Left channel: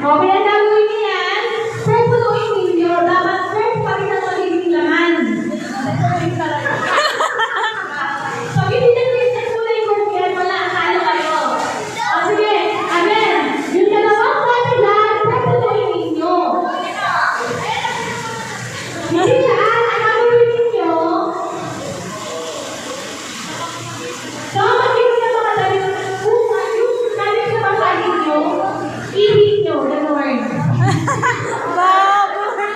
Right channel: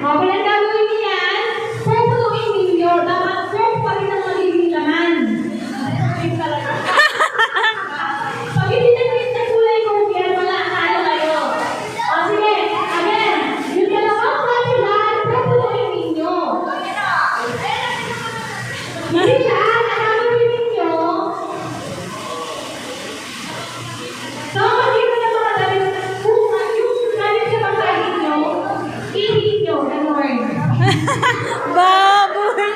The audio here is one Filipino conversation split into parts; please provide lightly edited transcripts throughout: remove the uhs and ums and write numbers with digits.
Okay, ang gagawin niyo yan, pupunuin ninyo. Dapat fresh pa rin ang magiging laman. Pag hindi na-twist na kulay group yan, wala. Talo kayo. O sige, again. Yung dalawang kasilan, pupunuin ninyo. Hindi yan, ang gagawin ninyo. So, mag-iba na mga damit. Kung yung damit na pasahin nyo, ihin nyo, gano'n. Baboy!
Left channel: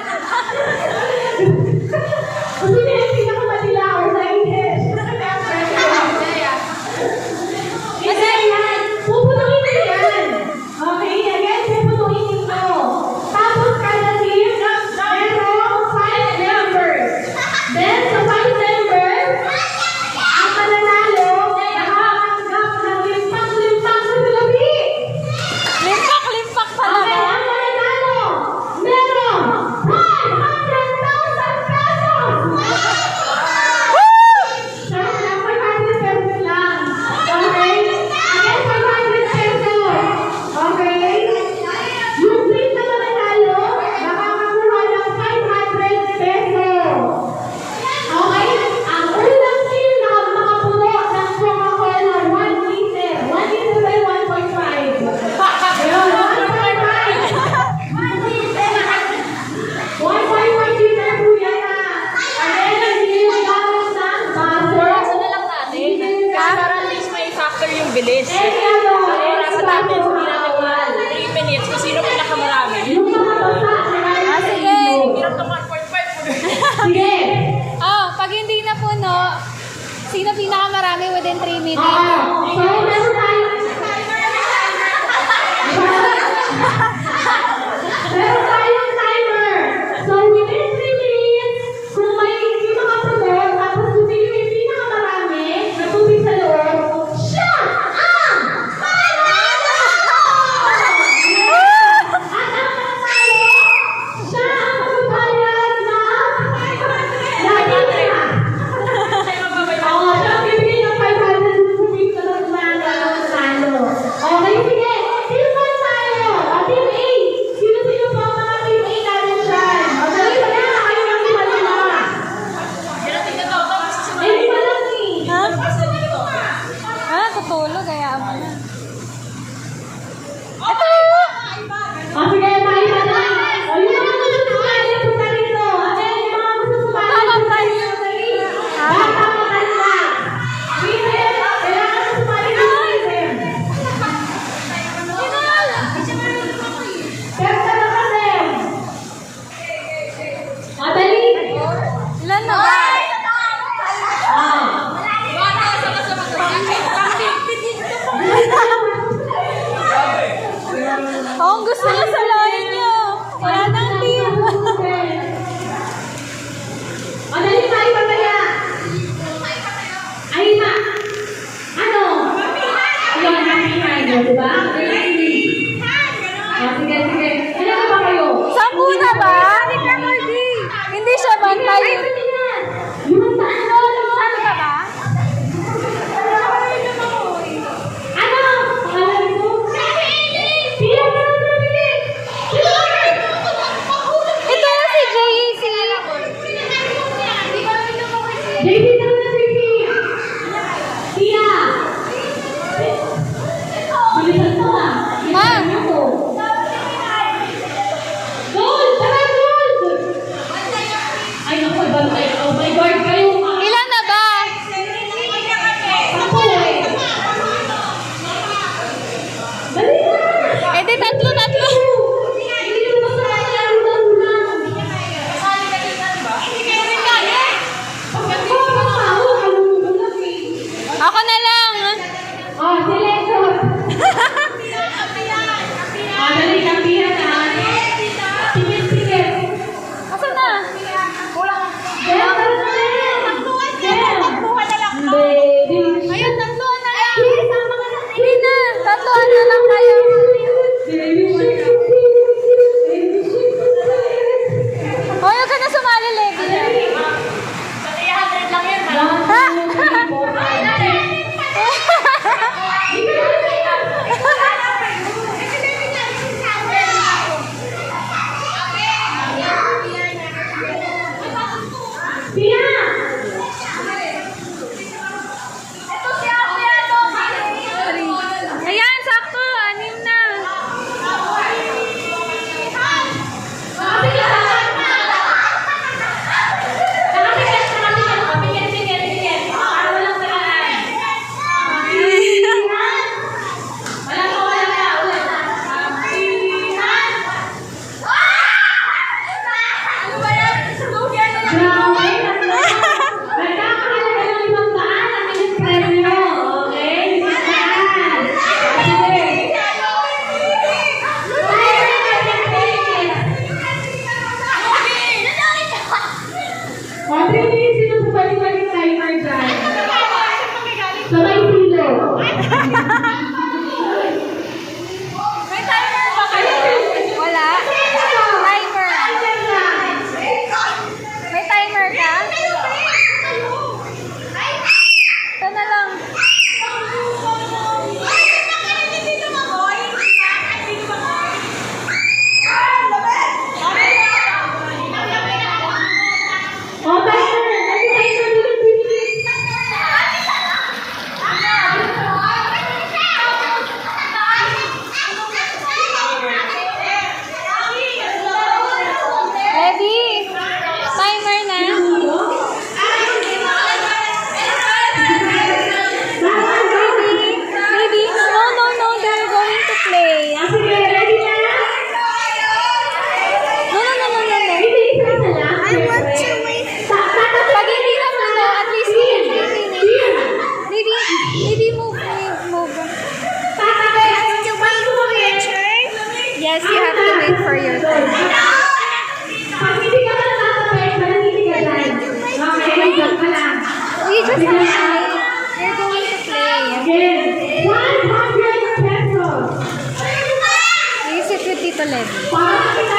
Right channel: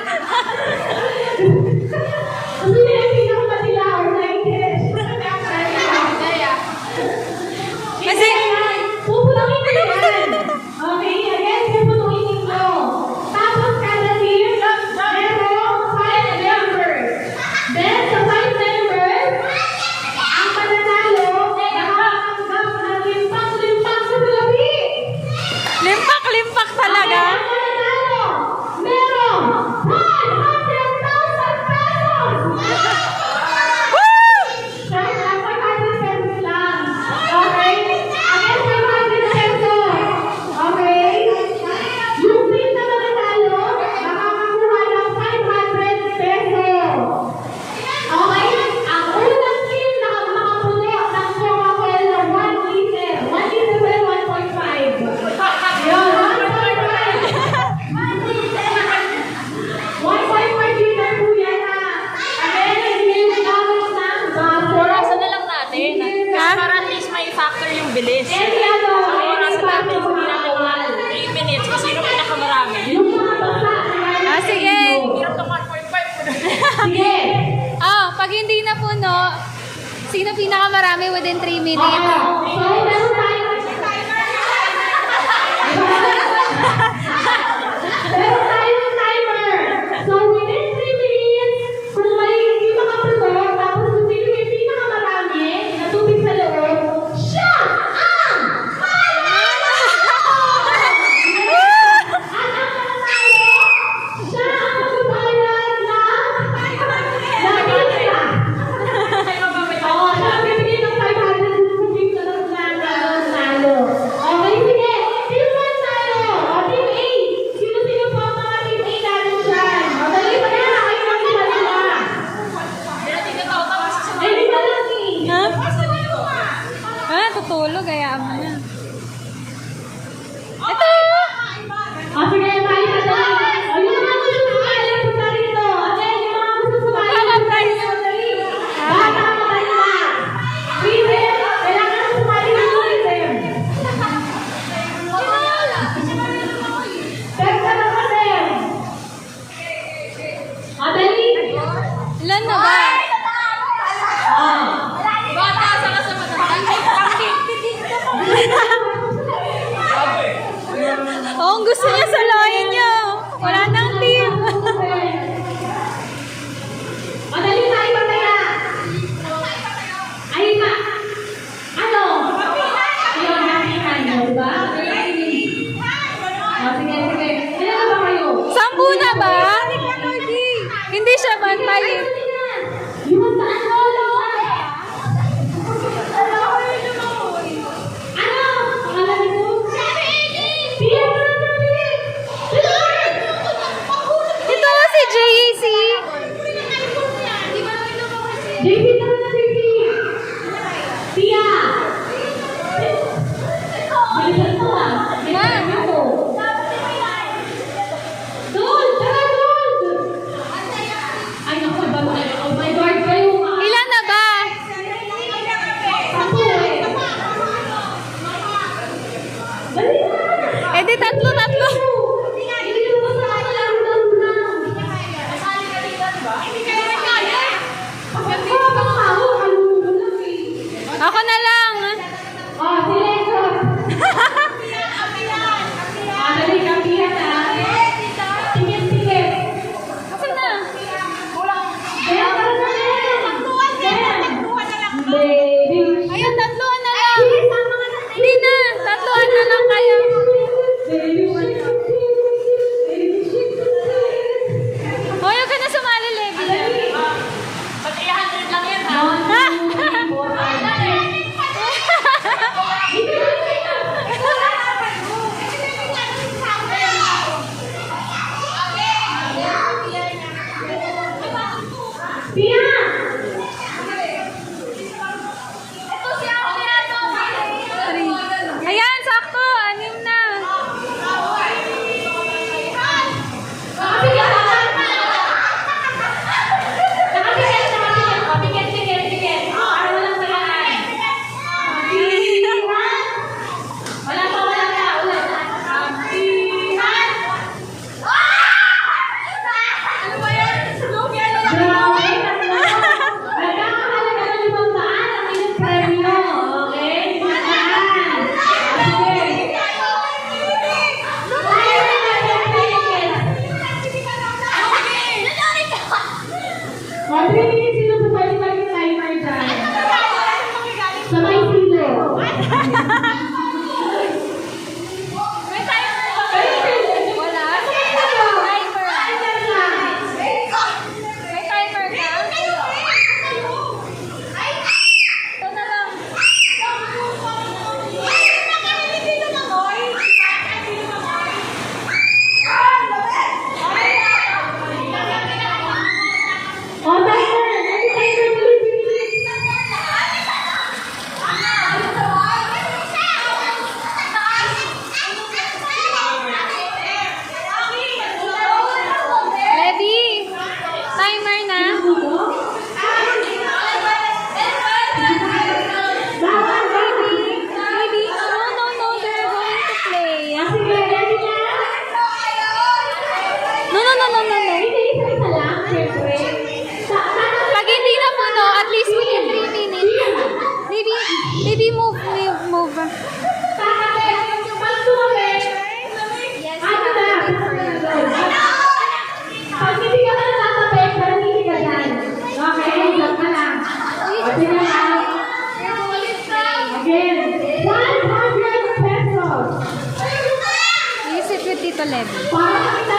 Kasi na yung pinakamadila or nainit. Kasi yan, pupunuin nyo yan. Okay, again, pupunuin ninyo. Tapos kada team, merong 5 members. Then, sa 5 members, ang mananalo, nakakatanggap ng limpak-limpak sa gabi. Limpak-limpak talaga. Okay, ang mananalo, merong 500,000 pesos! Kahit lang 500 pesos lang. Okay? Again, 500 pesos. Okay? Yung team na mananalo, makakakuha ng 500 pesos. Okay? Ang unang team na makapuno ng Coca-Cola 1 liter. 1 liter by 1.5. Ayun, 1.5. 1.5 liter po yan na. Again, hindi yung gamit ng buzzer. Orasan na lang natin. Para at least may factor yung bilis. And ano, Orasan natin sa bawal. pinakawal. 3 minutes kasi yung pinakamarami. Yung mga basa na sige. Hirap ng 1.5. Sige. Oh, pag hindi na puno, sino pinakamarami within 3 minutes? So, meron tayong meron tayong timer. So, within 3 minutes, kung may hindi makapuno, tapos bumili yung pinakamarami na tubig sa loob, siya ang mananalo! Siya ang magbabayad ng pizza. Oo, siya ang bibili ng 500 rupees na nanalo. Okay, sige. Team 1 tayo. O, Team A. Sino-sino po ang mga Team A natin dyan? O, dali mo na. Kayo ang ibalima. Eh, di ba lang eh? Ha? Ah, tutulog, kaya mo na. Ito yun! O, sige, tayo na lang. O, yung mga gusto sumali, punta rito. Again, yung mga gusto sumali, punta rito. Dali. Bata mo tayo na. Ethan, kailangan mo sumali rito, Ethan. Step ka na kasi. O, dali. Ilan na ba? Oh, ang gusto niya sa lahin niya. Wala nang team. Madali tayo mamaya. Ay na. Ano? Ayun, happy tayo, di ba? Sige, sige. Ilan ba kayo? 10 na ba? Hindi siya bantay. Yung saan lolo? Ano? Pangalan mo? Pia ka na nabili. Ito na si JC. JP ka na JP. Pia. Balikan mo ah. Ma. Gold! Tara, gold! Ay, naku, bantay. Oh my God, kayo ah. Ilan na ba? Ako eh. Dali na! Eh di tatlo. Hindi mo basta makalaro lang. Pagod ko, pagkawo, kalunod lang eh. Ako na lang. Oh, selector. Dali ka, Pia ka. Sige. Ako na. Baby. Ayun, tatlo na lang. Hindi na. Tatlo na lang kayo. Baby, Sige, ready na? No. Hindi, isa-isa lang. Siyempre. Pag hindi na puno, at least 3 minutes. Maybe move. Tatabi. Pag tumawin. Yes, you have to wait for your turn. Pag hindi ka na tatabi, hindi ka dyan. Okay, dyan ka lang. We just Sige na. We're going to play. Again, 100 pesos. We sit with Tito Levi. Para kita